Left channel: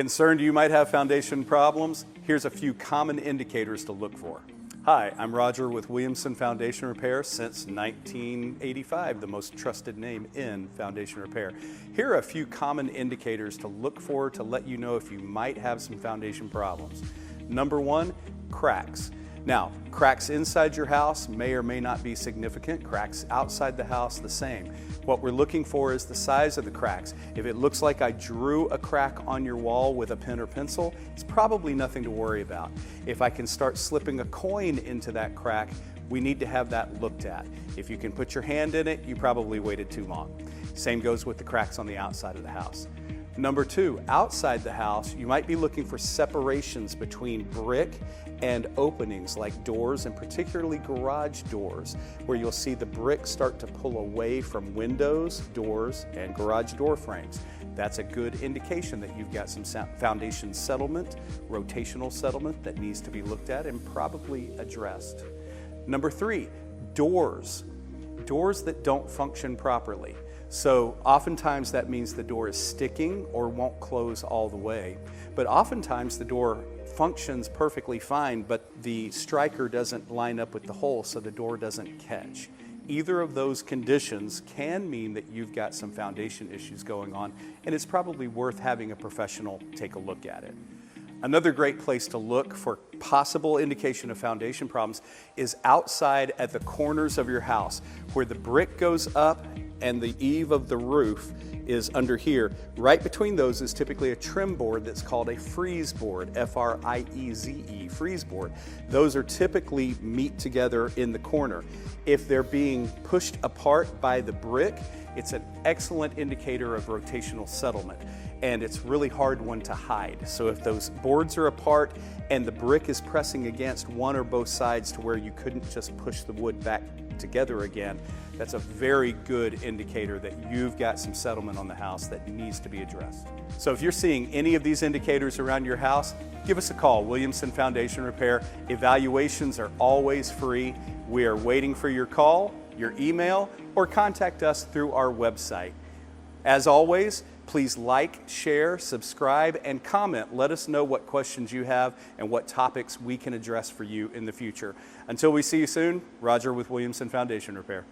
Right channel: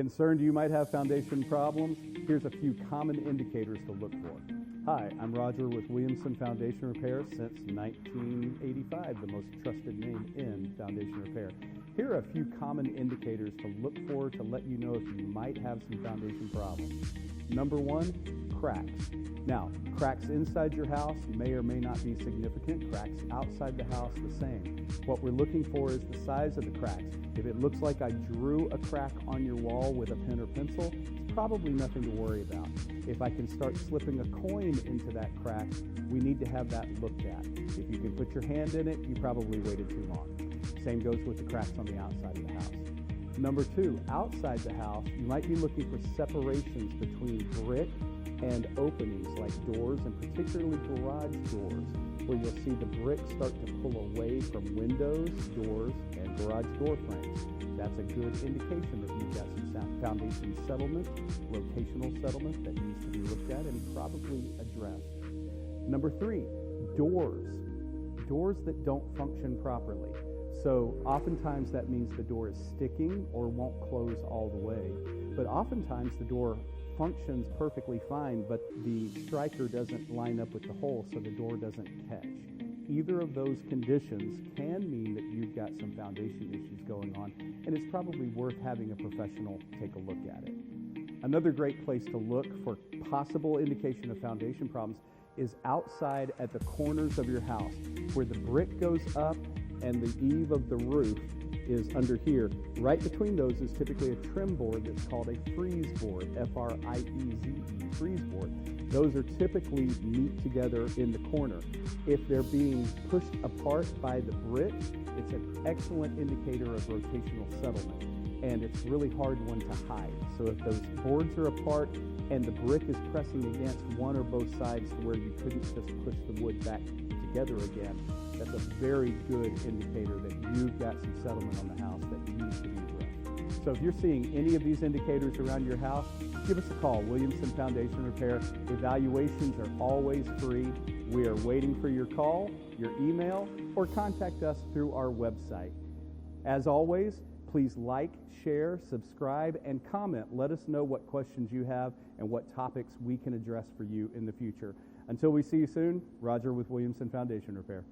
Concerned you might have foundation problems? Here's a few common indicators to look for. Hi, I'm Roger with Williamson Foundation Repair since 1985, the most trusted name in foundation repair. Here are a few common indicators to look for to let you know if you might have some foundation problems. Number one, cracks. Now, cracks inside your house may or may not be significant. Cracks outside the house, the same. What we're looking for is the size of the cracks. If it looks like I drew a crack on your wall with a pen or pencil, it's probably nothing to worry about. If I can start slipping a coin into that crack, we need to have that looked at. If you can put your hand in it, you probably waited too long. Same goes with the cracks on the outside of the house. Number two, outside the house, you might be looking for separations between brick and openings like doors, and particularly garage doors, where you'll see the brick start to pull away from windows, doors, and garage door frames. That's a good indication that you've got some foundation settlement, rotational settlement that needs to be looked at and probably addressed. Number three, doors. Doors that don't function properly. So oftentimes that means the door is sticking or won't close all the way. But oftentimes the door functions perfectly fine, but the striker doesn't line up with the hole, so the door doesn't catch. Either of those conditions can mean that you've got some foundation issues going on, and it's probably worth having a professional take a look at it. Another great place to look for possible indication of foundation problems is outside at the corners of your house, where the brick goes up and the eave of the roof is under here. Right between those is typically a trim board that's called a freeze board, F-R-I-E-Z-E, freeze board. Those are typically meet together in the corner. If they're being pushed apart by the brick, it's an excellent indicator of rotational settlement, and it's really hard one to hide. So if those boards are apart and the brick is pressing against one or both sides to where you couldn't just push the wood back together again, that's a very good indicator that you've got some settlement on the house that needs to be addressed. So if you're seeing any of these indicators around your house, give us a call, Williamson Foundation Repair. Evaluations are always free. We are waiting for your call, your email, or contact us through our website. As always, please like, share, subscribe, and comment. Let us know what questions you have and what topics we can address for you in the future. Until we see you soon, Roger with Williamson Foundation Repair.